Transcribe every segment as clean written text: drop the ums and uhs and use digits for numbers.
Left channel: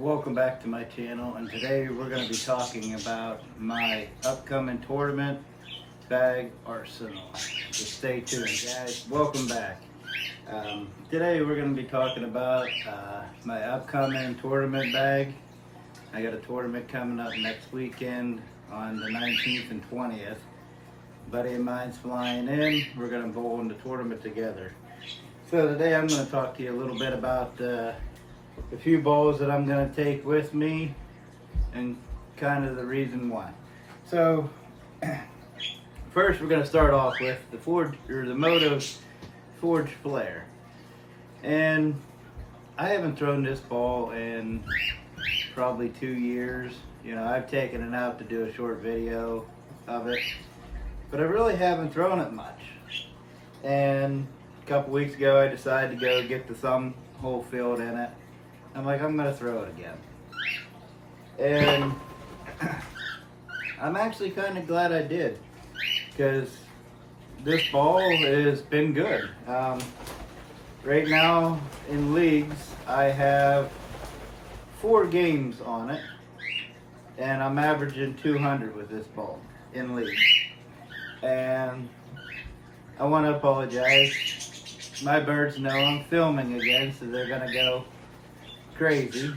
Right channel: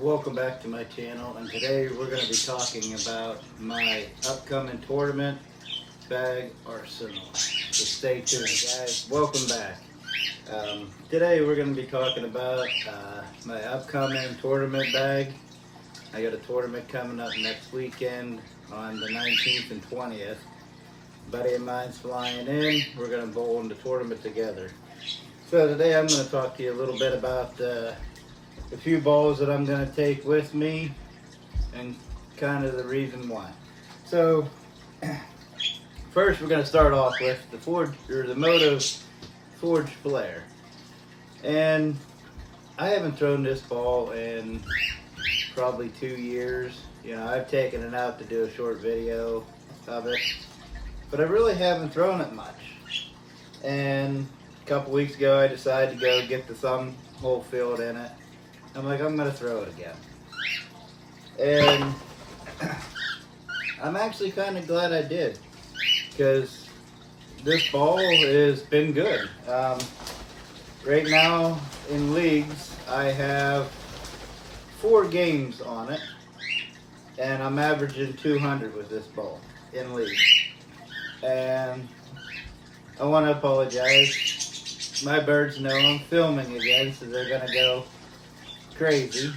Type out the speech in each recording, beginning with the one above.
Welcome back to my channel, and today we're going to be talking about my upcoming tournament bag arsenal. So stay tuned, guys. Welcome back. Today we're going to be talking about my upcoming tournament bag. I got a tournament coming up next weekend on the 19th and 20th. A buddy of mine's flying in. We're going to bowl in the tournament together. So today I'm going to talk to you a little bit about a few balls that I'm going to take with me and kind of the reason why. So first we're going to start off with the Moto Forge Flare. And I haven't thrown this ball in probably 2 years. You know, I've taken it out to do a short video of it, but I really haven't thrown it much. And a couple weeks ago I decided to go get the thumb hole filled in it. I'm like, I'm gonna throw it again. And I'm actually kind of glad I did, because this ball has been good. Right now in leagues, I have 4 games on it, and I'm averaging 200 with this ball in leagues. And I want to apologize. My birds know I'm filming again, so they're gonna go crazy.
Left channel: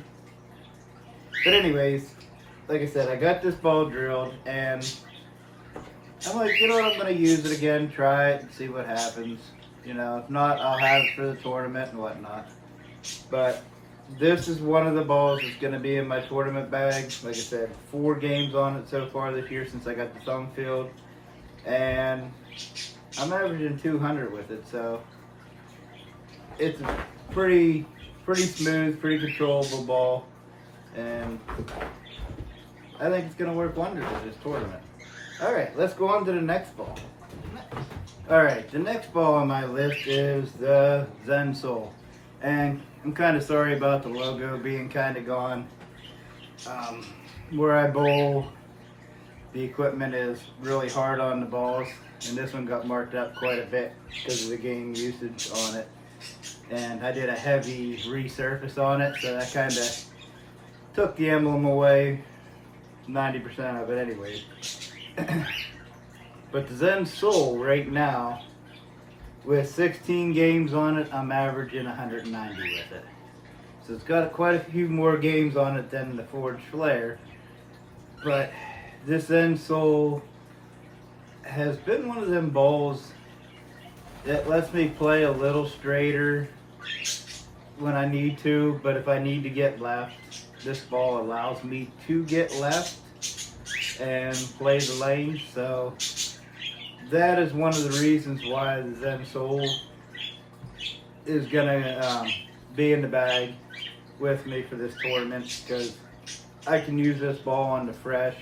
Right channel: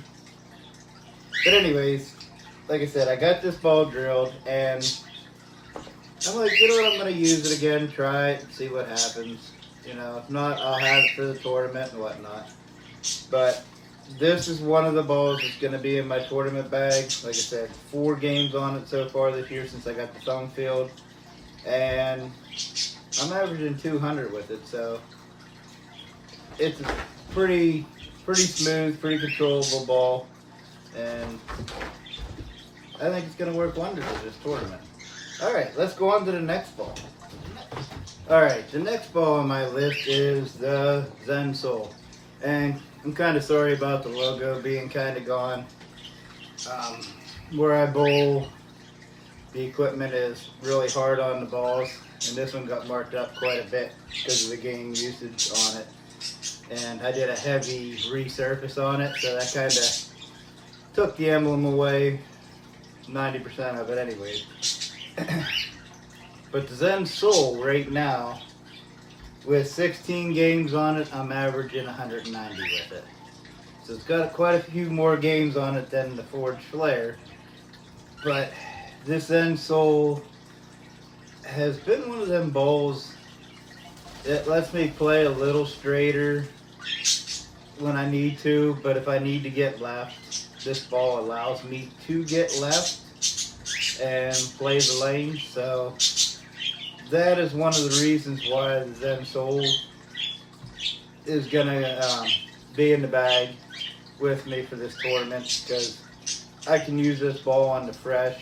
But anyways, like I said, I got this ball drilled, and I'm like, you know what, I'm gonna use it again, try it, and see what happens. You know, if not, I'll have it for the tournament and whatnot. But this is one of the balls that's gonna be in my tournament bag. Like I said, 4 games on it so far this year since I got the thumb filled, and I'm averaging 200 with it, so it's a pretty smooth, pretty controllable ball, and I think it's going to work wonders at this tournament. Alright, let's go on to the next ball. Alright, the next ball on my list is the Zen Soul, and I'm kind of sorry about the logo being kind of gone. Where I bowl, the equipment is really hard on the balls, and this one got marked up quite a bit because of the game usage on it. And I did a heavy resurface on it, so that kind of took the emblem away, 90% of it anyways. But the Zen Soul right now, with 16 games on it, I'm averaging 190 with it. So it's got quite a few more games on it than the Forge Flare. But this Zen Soul has been one of them balls that lets me play a little straighter when I need to, but if I need to get left, this ball allows me to get left and play the lane. So that is one of the reasons why the Zen Soul is gonna be in the bag with me for this tournament, because I can use this ball on the fresh,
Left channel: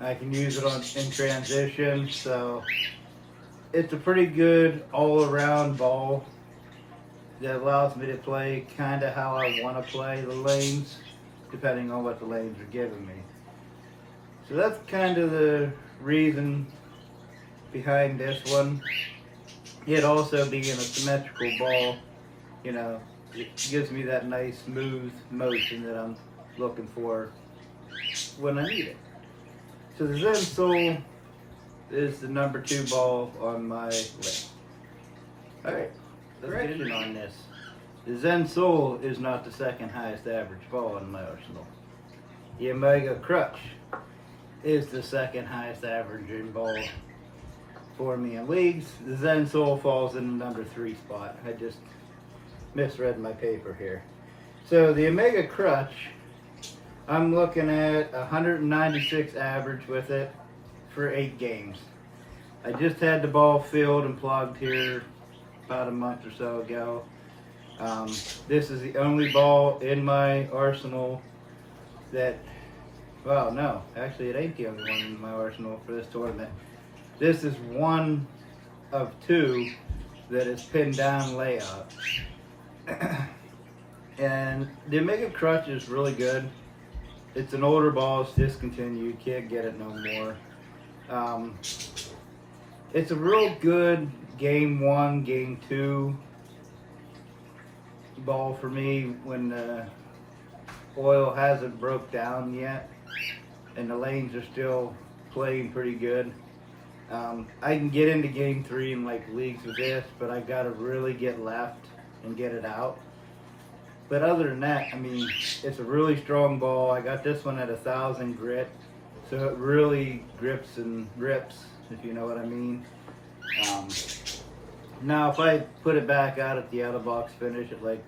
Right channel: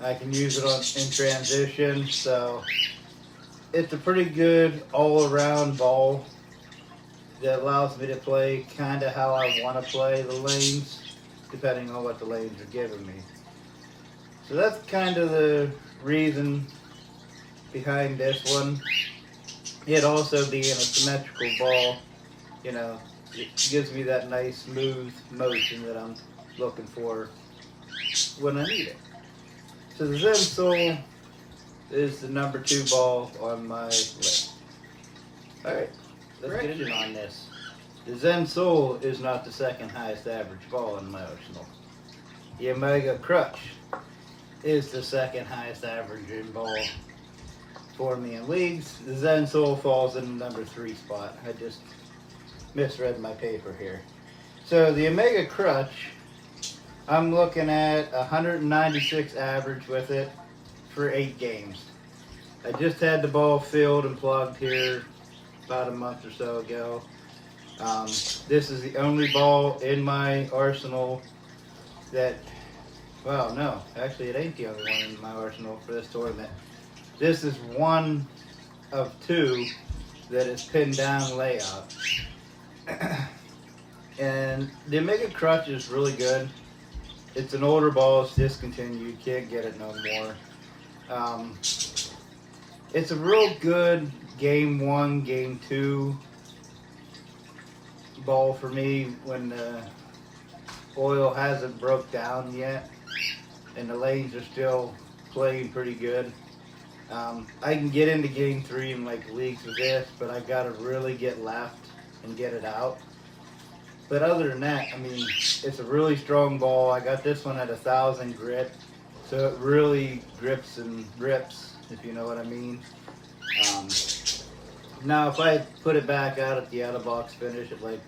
I can use it in transition, so it's a pretty good all-around ball that allows me to play kind of how I want to play the lanes, depending on what the lanes are giving me. So that's kind of the reason behind this one. It also being a symmetrical ball, you know, it gives me that nice smooth motion that I'm looking for when I need it. So the Zen Soul is the number 2 ball on my list. Alright, let's get in on this. The Zen Soul is not the second highest average ball in my arsenal. The Omega Crutch is the second highest averaging ball for me in leagues. The Zen Soul falls in the number 3 spot. I just misread my paper here. So the Omega Crutch, I'm looking at 196 average with it for 8 games. I just had the ball filled and plugged here about a month or so ago. This is the only ball in my arsenal that, well, no, actually it ain't the only one in my arsenal for this tournament. This is one of 2 that is pinned down layup. And the Omega Crutch is really good. It's an older ball, it's discontinued, can't get it no more. It's a real good game 1, game 2 ball for me when oil hasn't broke down yet, and the lanes are still playing pretty good. I can get into game 3 in like leagues with this, but I gotta really get left and get it out. But other than that, I mean, it's a really strong ball. I got this one at 1,000 grit, so it really grips and rips, if you know what I mean. Now, if I put it back out at the out-of-box finish at like,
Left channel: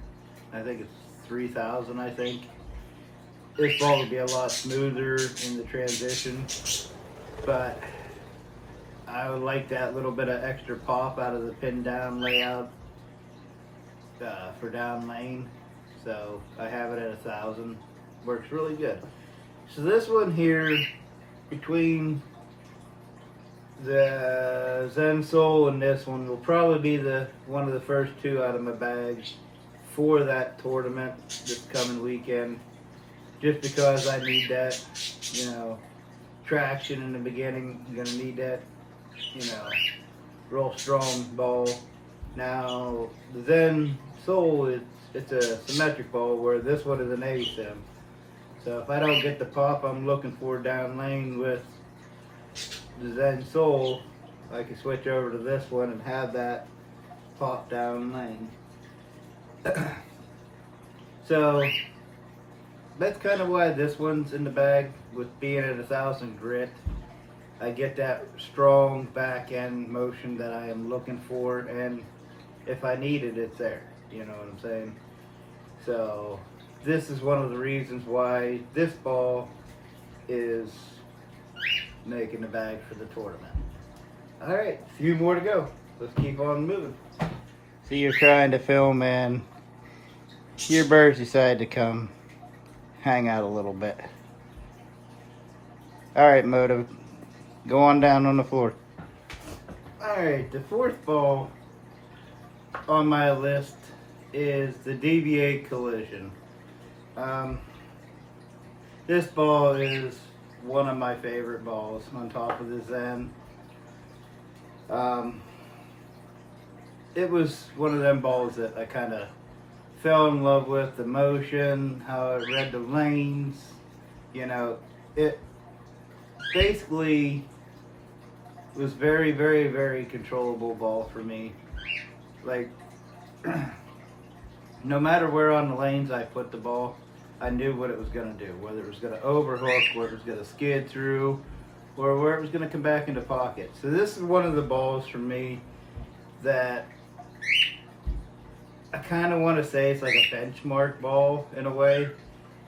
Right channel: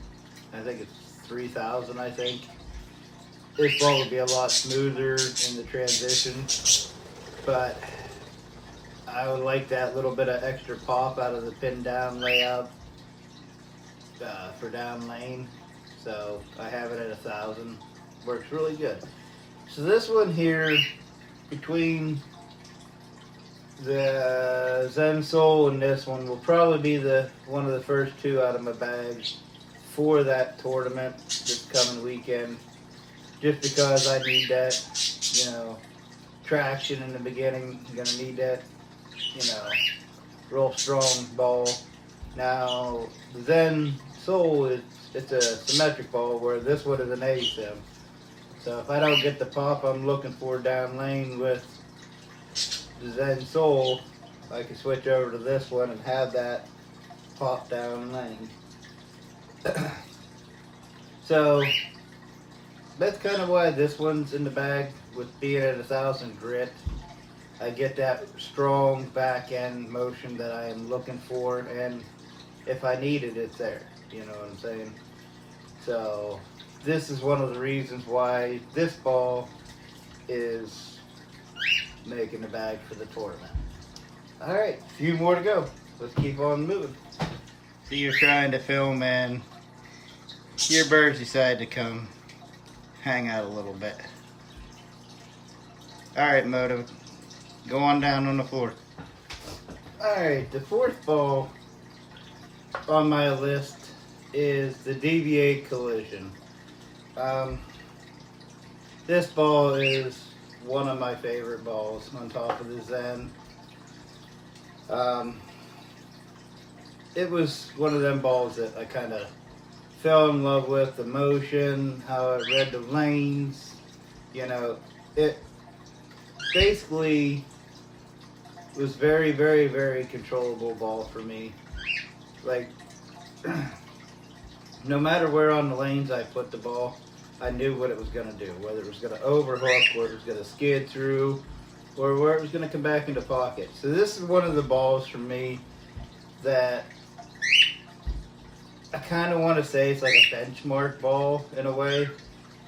I think it's 3,000, I think, this ball would be a lot smoother in the transition. But I would like that little bit of extra pop out of the pin down layout for down lane. So I have it at 1,000. Works really good. So this one here, between the Zen Soul and this one, will probably be one of the first two out of my bag for that tournament this coming weekend. Just because I need that, traction in the beginning. I'm gonna need that, real strong ball. Now the Zen Soul it's a symmetric ball, where this one is an A stem. So if I don't get the pop I'm looking for down lane with the Zen Soul, I can switch over to this one and have that pop down lane. So that's kind of why this one's in the bag, with being at 1,000 grit. I get that strong back end motion that I am looking for, and if I need it, it's there. You know what I'm saying? So this is one of the reasons why this ball is making the bag for the tournament. All right, a few more to go. Let's keep on moving. So you're trying to film and your birds decide to come hang out a little bit. All right, Moto, go on down on the floor. All right, the fourth ball on my list is the DVA Collision. This ball is one of my favorite balls on top of the Zen. It was one of them balls that I kind of fell in love with, the motion, how it read the lanes. It basically was very, very, very controllable ball for me. Like, no matter where on the lanes I put the ball, I knew what it was going to do. Whether it was going to overhook, where it was going to skid through, or where it was going to come back into pocket. So this is one of the balls for me that I kind of want to say it's like a benchmark ball in a way.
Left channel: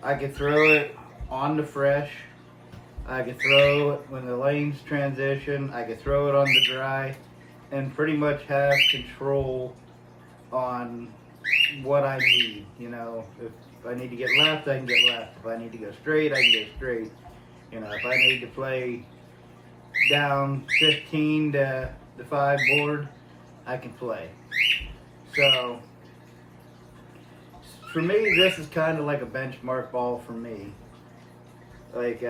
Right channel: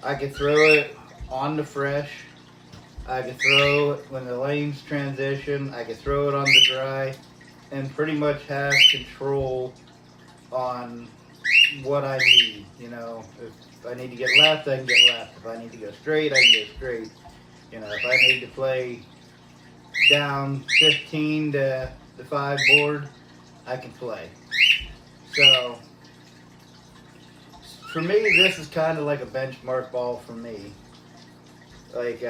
I could throw it on the fresh. I could throw it when the lanes transition. I could throw it on the dry, and pretty much have control on what I need. If I need to get left, I can get left. If I need to go straight, I can go straight. If I need to play down 15 to the 5 board, I can play. So for me, this is kind of like a benchmark ball for me. Like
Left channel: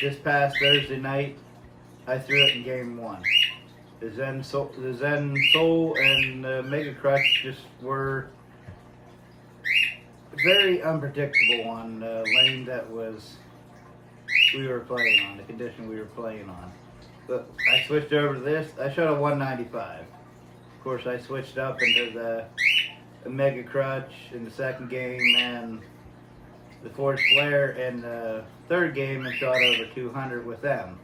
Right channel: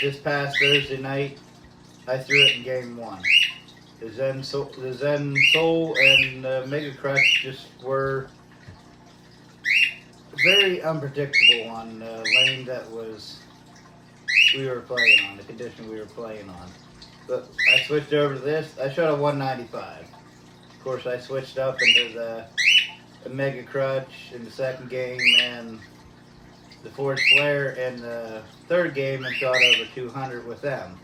this past Thursday night, I threw it in game 1. The Zen Soul and Mega Crutch just were very unpredictable on the lane that we were playing on, the condition we were playing on. But I switched over to this. I shot a 195. Of course, I switched up into the Mega Crutch in the second game and the Forged Flare in the third game, and shot over 200 with them.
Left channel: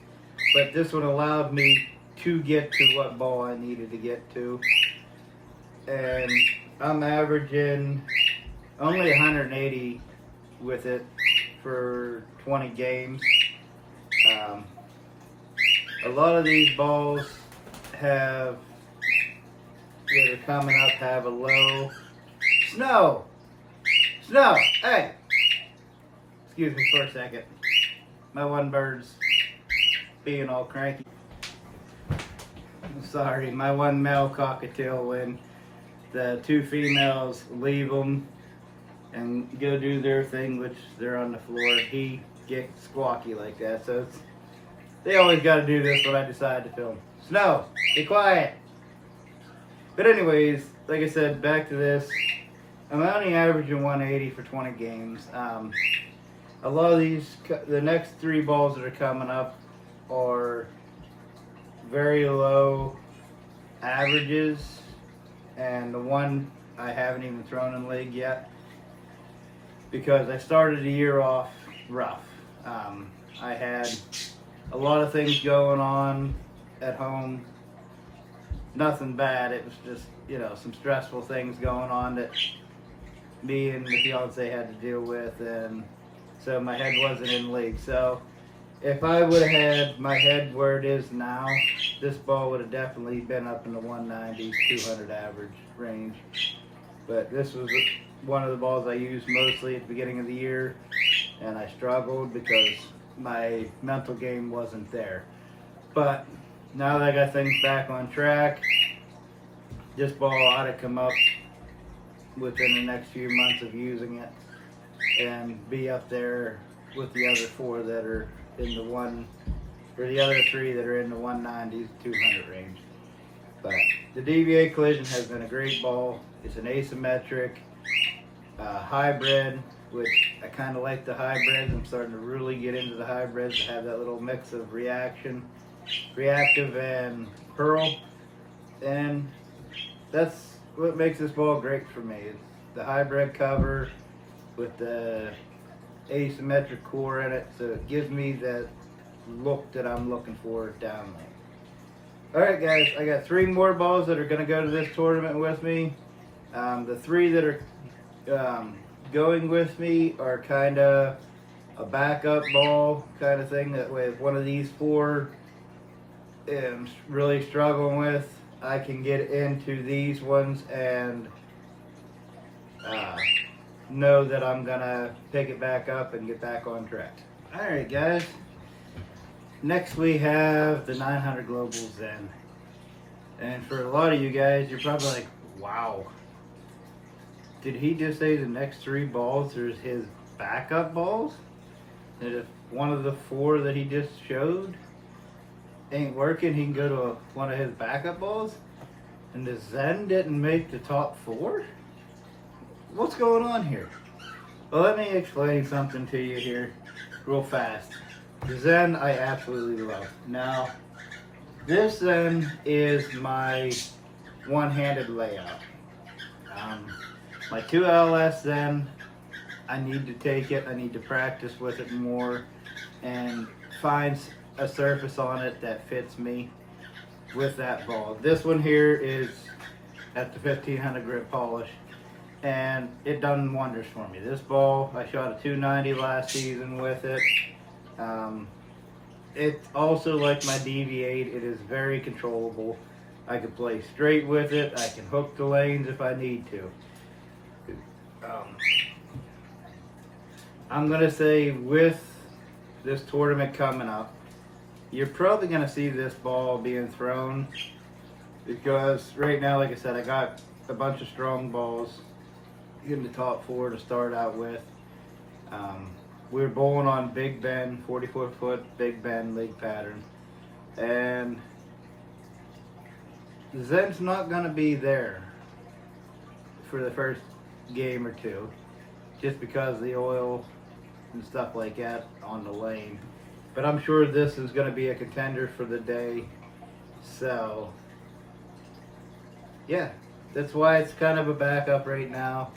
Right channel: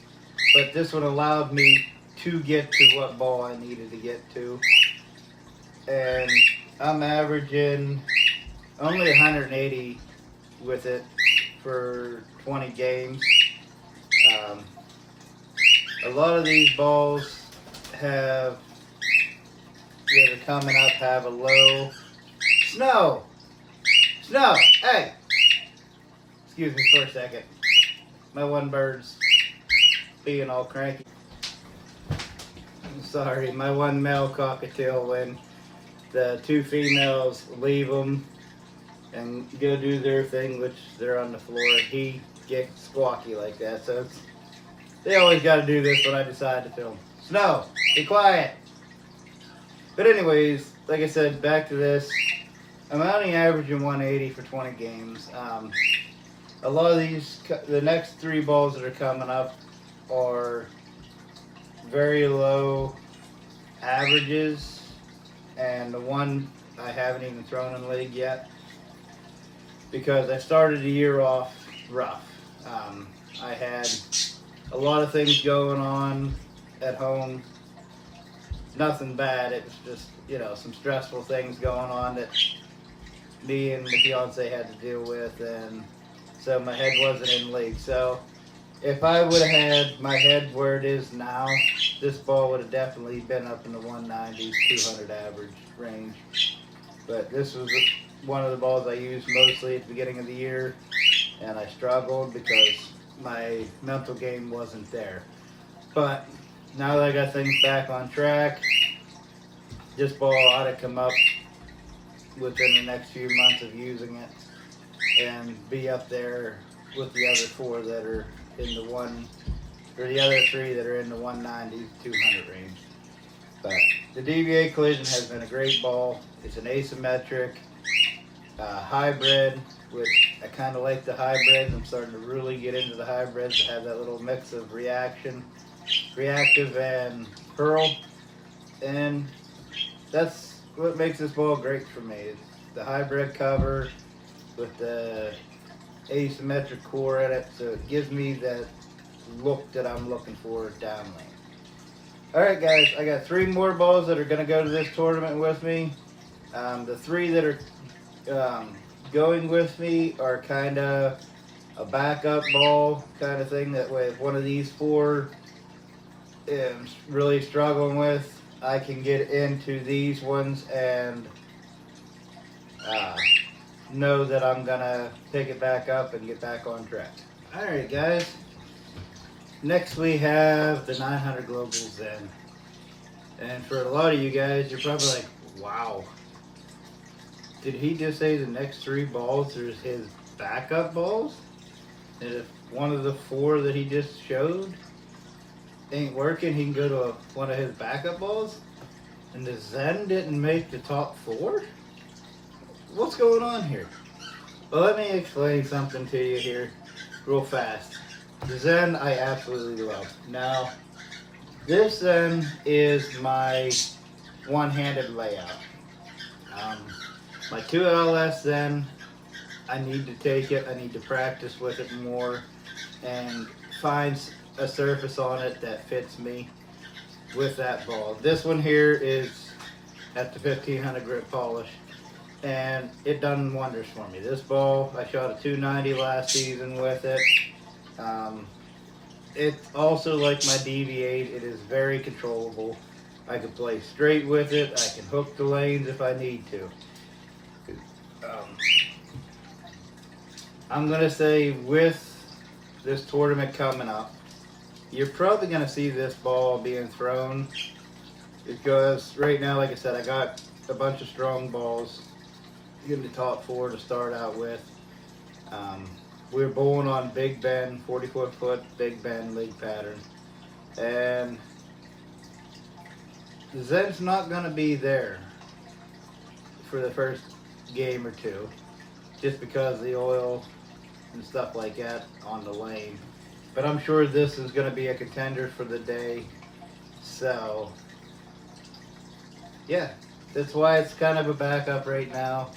But this one allowed me to get to what ball I needed to get to. And I'm averaging only 180 with it for 20 games. A lot of these balls that are coming up have a low snow. Hey, excuse me for a second. My one bird's being all cranky. Sorry, my one male cockatiel, when the 2 females leave them and go do their thing, which they're on the floor, he gets squawky like that. So they always got to do this when I decide to film. Snow, be quiet. But anyways, like I said, back to this. I'm only averaging 180 for 20 games. A lot of the next 3 balls that are coming up are very low averages, and the one I haven't even thrown in league yet because I started the year off rough. I had a lot of things going on at home. Nothing bad. It was just, some stressful things going on that me and the fiance had to deal with, and so my head wasn't in league. So if I would have had my head where it is now, this ball would have definitely been up in the 190s, 200 average range. But this was one of the balls I used mostly at the beginning of the year, and I struggled because my mental game wasn't there. But now that I got things back on track, this ball ought to come up within the next few months of using it and be up there with the other 4 that are in the the other 3 that are in the 190, 200 range. But the DVA Collision has been a great ball. It's an asymmetric hybrid, which I kind of like the hybrids. I'm starting to really get into the hybrids that have that little mix of reactive and hurl, and that's what makes this ball great for me. It's the hybrid cover with the asymmetric core in it, so it gives me that look that I'm looking for downlane. Alright guys, I got 3 more balls that are going to go to this tournament with me. The 3 that are going with me are kind of a backup ball kind of thing, that way if one of these 4 am really struggling with, I can get into these ones and know that I'm gonna pick it back up and get back on track. Alright guys, next we have the 900 Global Zen. And for a lot of you guys, you're probably like, wow, did he just say the next 3 balls are his backup balls? And if one of the 4 that he just showed ain't working, he can go to one of his backup balls? And the Zen didn't make the top 4? What's going on here? Well, let me explain something to you here real fast. The Zen I absolutely love. Now, this Zen is my one-handed layout. My 2LS Zen, I need to take it, I need to practice with it more and find a surface on it that fits me with that ball. This one here is at the 1500 grit polish, and it done wonders for me. This ball, I shot a 290 last season with it. It's also like my DV8, it is very controllable. I can play straight with it, I can hook the lanes if I need to. I'm going to say with this tournament coming up, you're probably going to see this ball being thrown, because right now, like I said, I got a bunch of strong balls in the top 4 to start out with. We're bowling on Big Bend, 44-foot Big Bend league pattern, and the Zen's not going to be there for the first game or 2, just because of the oil and stuff like that on the lane. But I'm sure this is going to be a contender for the day. So, yeah, that's why it's kind of a backup right now,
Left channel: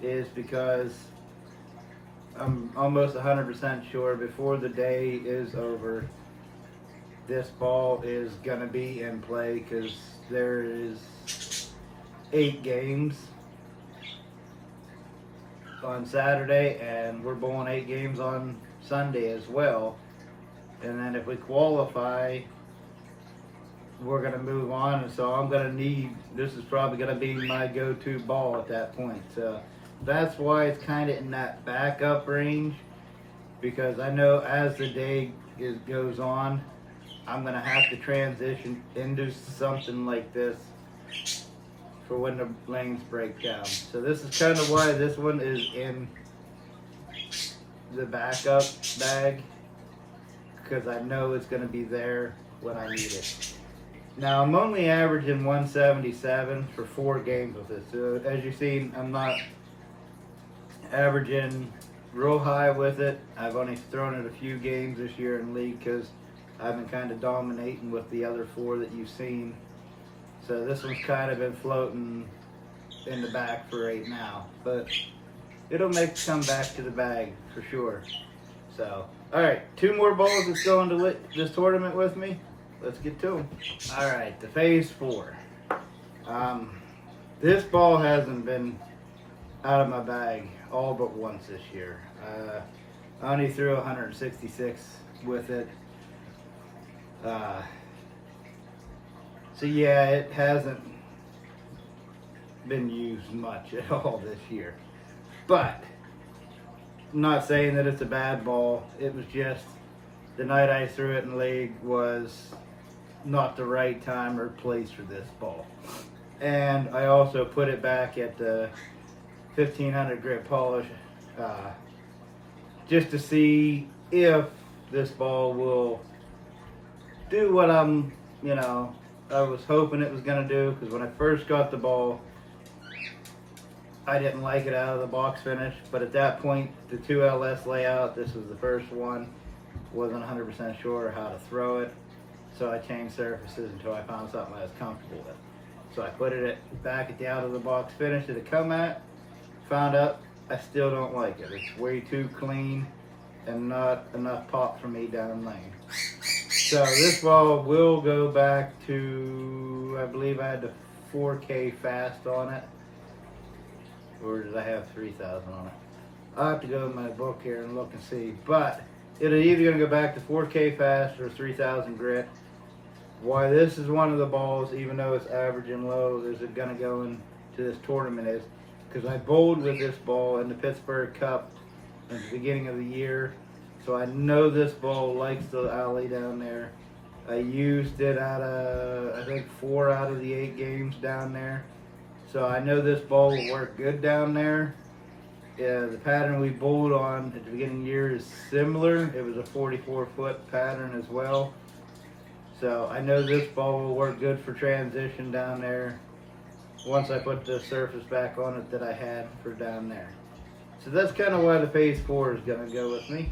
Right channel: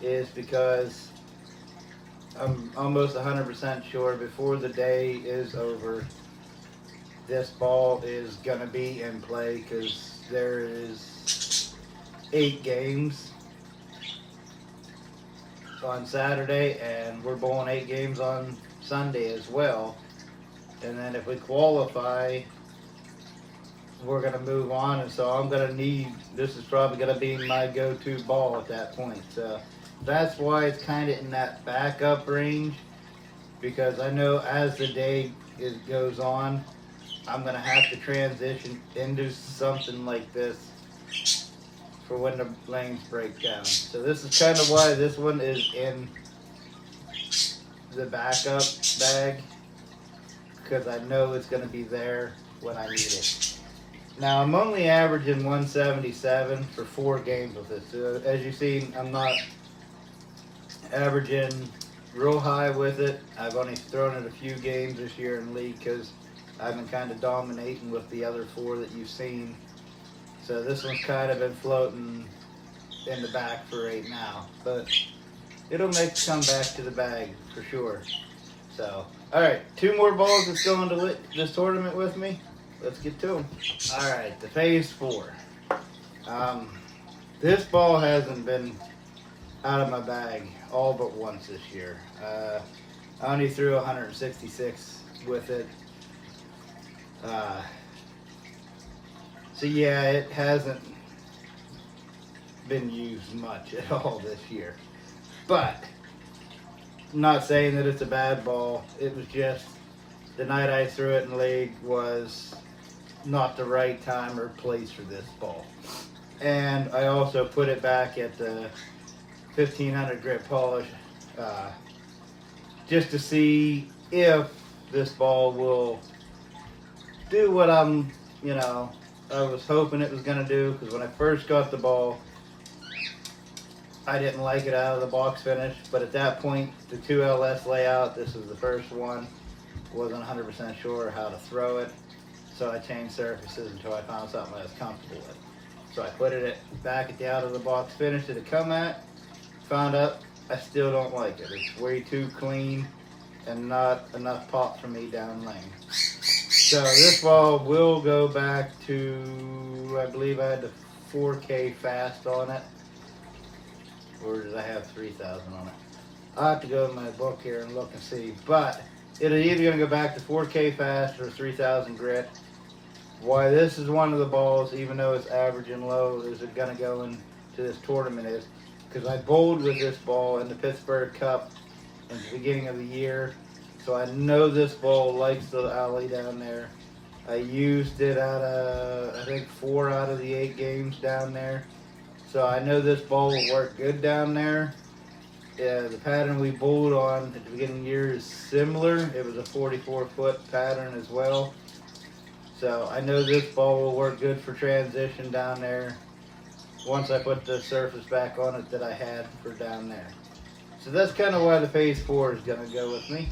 is because I'm almost 100% sure before the day is over, this ball is going to be in play, because there is 8 games on Saturday, and we're bowling 8 games on Sunday as well. And then if we qualify, we're going to move on, and so I'm going to need, this is probably going to be my go-to ball at that point. So that's why it's kind of in that backup range, because I know as the day goes on, I'm going to have to transition into something like this for when the lanes break down. So this is kind of why this one is in the backup bag, because I know it's going to be there when I need it. Now I'm only averaging 177 for 4 games with this. So as you've seen, I'm not averaging real high with it. I've only thrown it a few games this year in league because I've been kind of dominating with the other 4 that you've seen. So this one's kind of been floating in the back for right now, but it'll make it come back to the bag for sure. So, all right, 2 more balls that's going to this tournament with me. Let's get to them. All right, the phase 4. This ball hasn't been out of my bag all but once this year. I only threw 166 with it. So yeah, it hasn't been used much at all this year. But I'm not saying that it's a bad ball. It was just the night I threw it in league was not the right time or place for this ball. And I also put it back at the 1500 grit polish just to see if this ball will do what I was hoping it was going to do. Because when I first got the ball, I didn't like it out of the box finish, but at that point, the 2LS layout, this was the first one, wasn't 100% sure how to throw it, so I changed surfaces until I found something I was comfortable with. So I put it back at the out of the box finish that it come at, found out I still don't like it. It's way too clean and not enough pop for me down lane. So this ball will go back to, I believe I had the 4K fast on it. Or did I have 3,000 on it? I'll have to go in my book here and look and see. But it'll either going to go back to 4K fast or 3,000 grit. Why this is one of the balls, even though it's averaging low, is it going to go into this tournament is because I bowled with this ball in the Pittsburgh Cup at the beginning of the year. So I know this ball likes the alley down there. I used it out of, I think, 4 out of the 8 games down there. So I know this ball will work good down there. The pattern we bowled on at the beginning of the year is similar. It was a 44-foot pattern as well. So I know this ball will work good for transition down there once I put the surface back on it that I had for down there. So that's kind of why the phase 4 is going to go with me.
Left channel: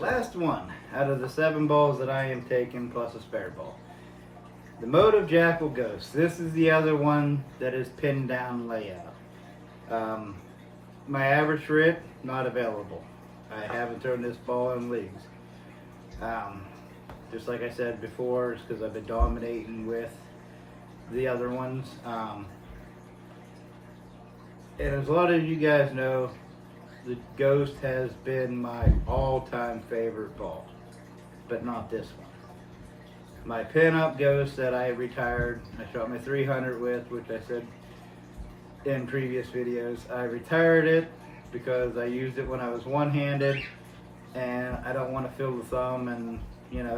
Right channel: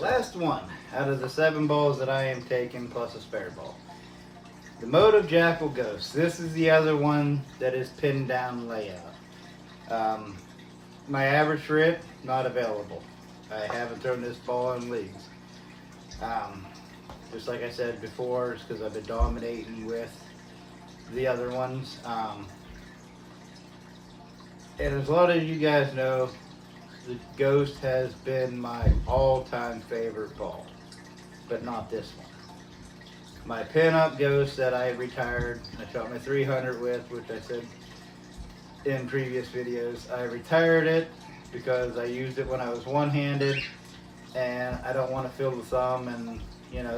Last one out of the 7 balls that I am taking plus a spare ball. The Motive Jackal Ghost. This is the other one that is pinned down layout. My average for it, not available. I haven't thrown this ball in leagues. Just like I said before, it's because I've been dominating with the other ones. And as a lot of you guys know, the Ghost has been my all-time favorite ball, but not this one. My pin-up Ghost that I retired, I shot my 300 with, which I said in previous videos. I retired it because I used it when I was one-handed, and I don't want to fill the thumb and,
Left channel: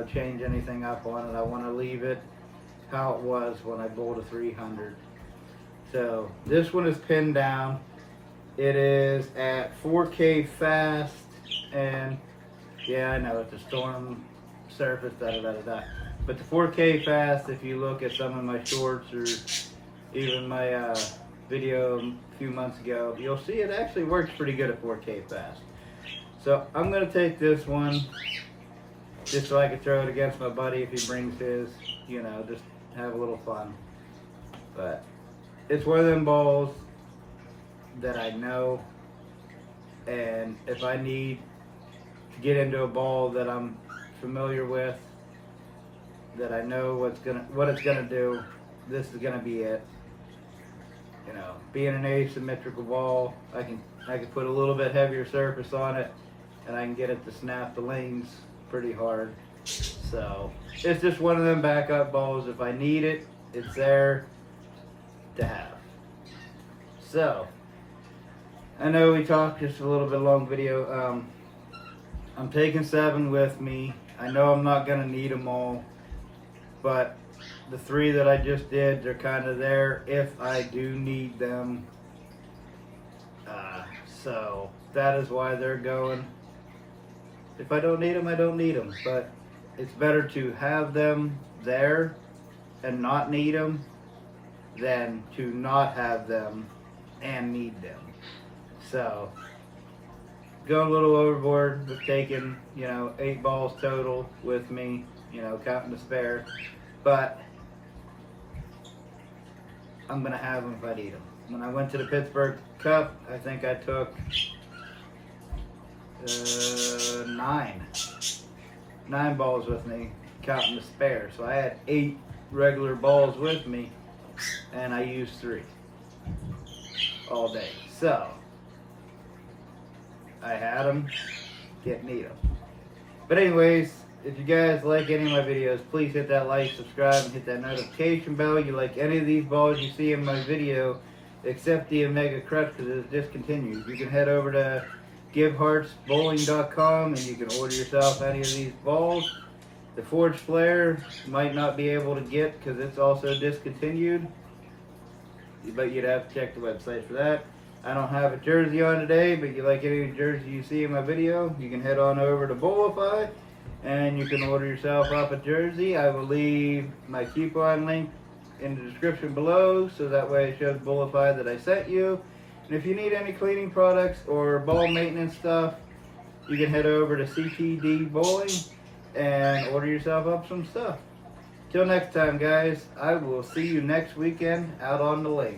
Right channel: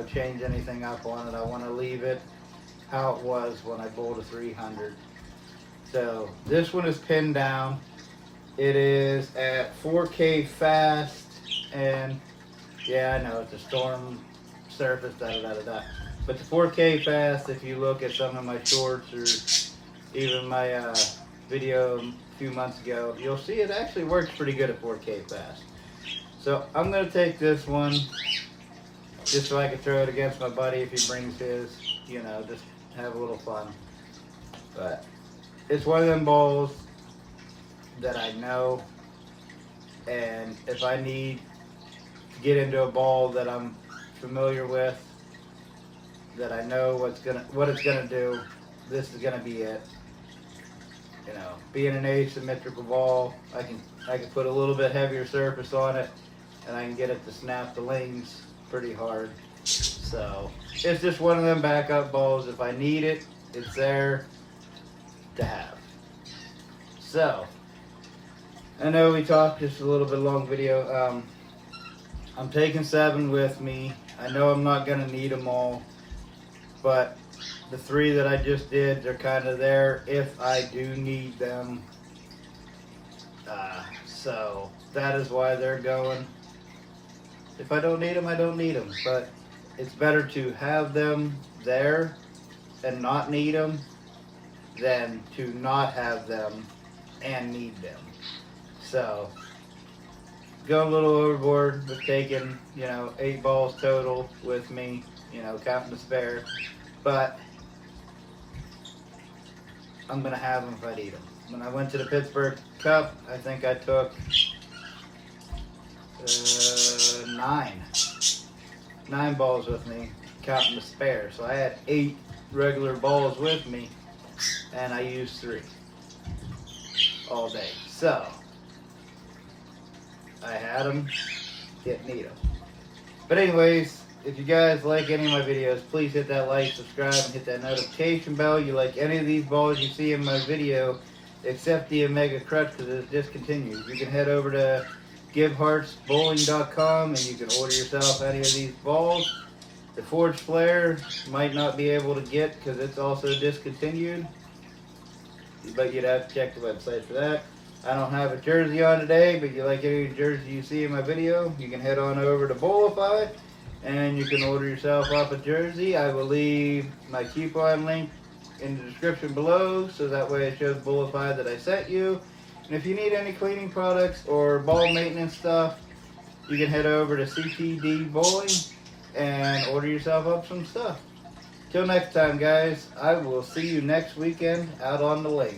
change anything up on it. I want to leave it how it was when I bowled a 300. So this one is pinned down. It is at 4K fast, and yeah, I know it's a storm surface, but the 4K fast, if you look at some of my shorts or even my video a few months ago, you'll see it actually works pretty good at 4K fast. So I'm going to take this one just so I can throw it against my buddy if he brings his, just have a little fun. But it's one of them balls that I know, and if I need to get into a ball that I'm familiar with, that I know what it's gonna do, this is gonna be it. Being an asymmetrical ball, I can put a little bit heavier surface on it, and I can get it to snap the lanes pretty hard. So it's just one of them backup balls. If I need it, it's there to have. So I know we talked just a little bit long video. I'm taking 7 with me. I know I'm not gonna need them all, but the 3 that I just did, they're kind of there if I do need them. So that is why they're going. If I don't need them, I don't need them. But it's better to have them there and not need them than to not have them and need them. So, going a little overboard with taking, 8 balls total with me, counting the spare. But I'm going to have them if I need them. When I went to the Pittsburgh Cup, I think I took 9 balls with me, counting the spare. So I had 8 regular balls with me, and I used 3 all day. So I had them, didn't need them. But anyways, if you guys like any of my videos, please hit that like, subscribe, and hit that notification bell. You like any of these balls you see in my video, except the Omega Crutch because it is discontinued. You can head over to giveheartsbowling.com and you can order yourself any of these balls. The Forged Flare might not be able to get because it's also discontinued, but you'd have to check the website for that. I don't have a jersey on today, but you like any jersey you see in my video, you can head on over to Bowlify and you can order yourself up a jersey. I will leave my coupon link in the description below, so that way it shows Bowlify that I sent you. And if you need any cleaning products or ball maintenance stuff, you can head over to CTD Bowling and order yourself up some stuff. Till next time, guys, I will see you next weekend out on the lake.